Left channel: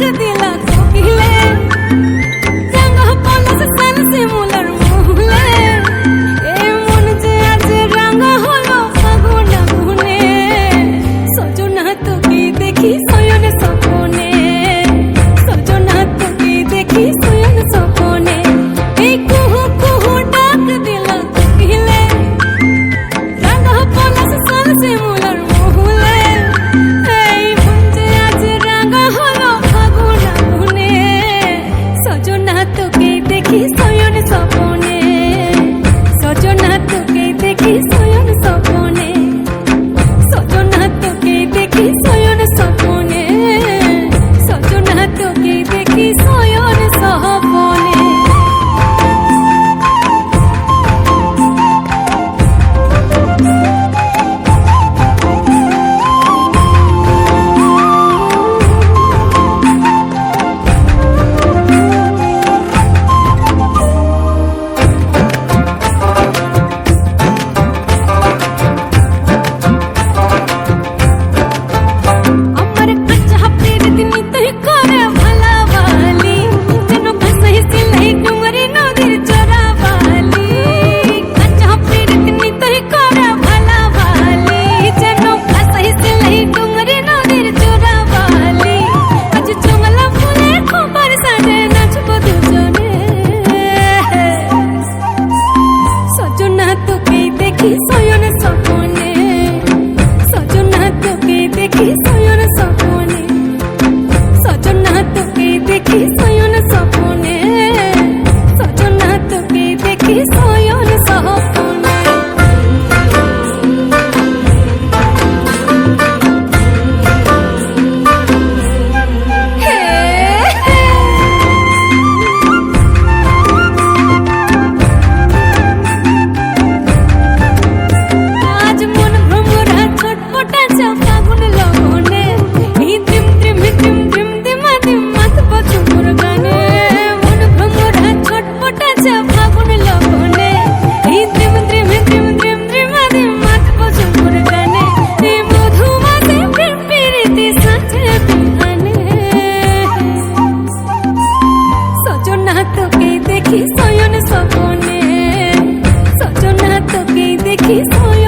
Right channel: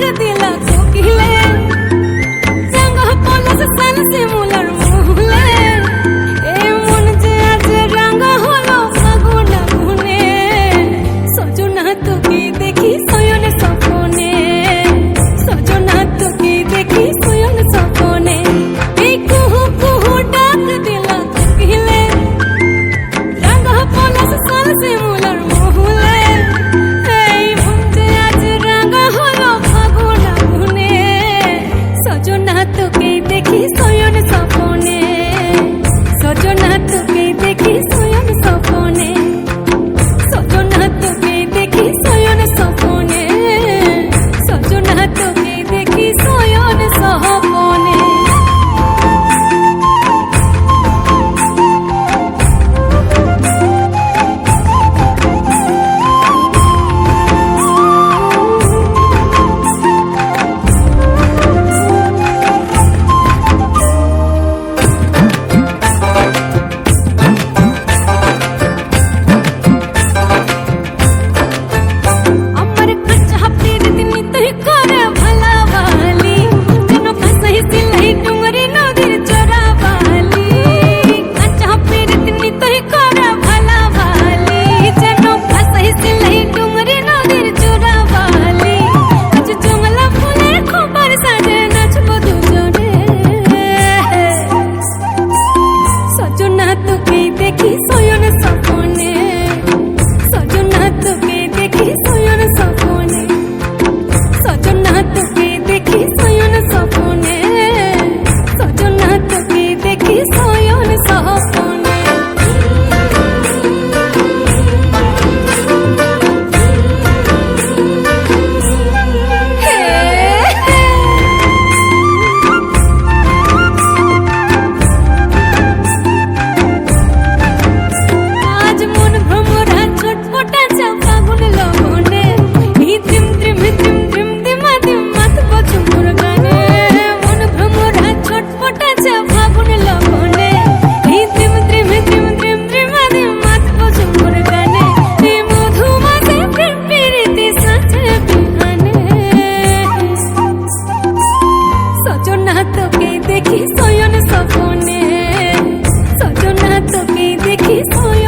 ডাক দিলা কোকিলে, রাঙা পলাশ সাল শিমুলার মহুলে, এ মন যে আজ রাঙা হলো ফাগুন আগুনে। সজনা তোকে দেখি শয়ন স্বপনে, সজনা তোকে দেখি শয়ন স্বপনে। এই কুহু কুহু ডাক দিলা কোকিলে, রাঙা পলাশ সাল শিমুলার মহুলে, এই মন যে আজ রাঙা হলো ফাগুন আগুনে। সজনা তোকে দেখি শয়ন স্বপনে, সজনা তোকে দেখি শয়ন স্বপনে, সজনা তোকে দেখি শয়ন স্বপনে, সজনা তোকে দেখি শয়ন স্বপনে। দেখি শয়ন স্বপনে, সজনা তোকে দেখি শয়ন স্বপনে, সজনা তোকে দেখি শয়ন স্বপনে, সজনা তোকে দেখি শয়ন স্বপনে। ফাগুন লগনে এই দ্রিম দ্রিম দ্রিম দ্রিম দিমা দিম মাথব ঝুমুর গানে, মন ভ্রমরা ছটপটাছে ফাগুন লগনে এই দ্রিম দ্রিম দ্রিম দ্রিম দ্রিমা দিম মাথব ঝুমুর গানে। এই মধুমাসে প্রেম প্রীতি সাঁঝে বিহানে, সজনা তোকে দেখি শয়ন স্বপনে, সজনা তোকে দেখি শয়ন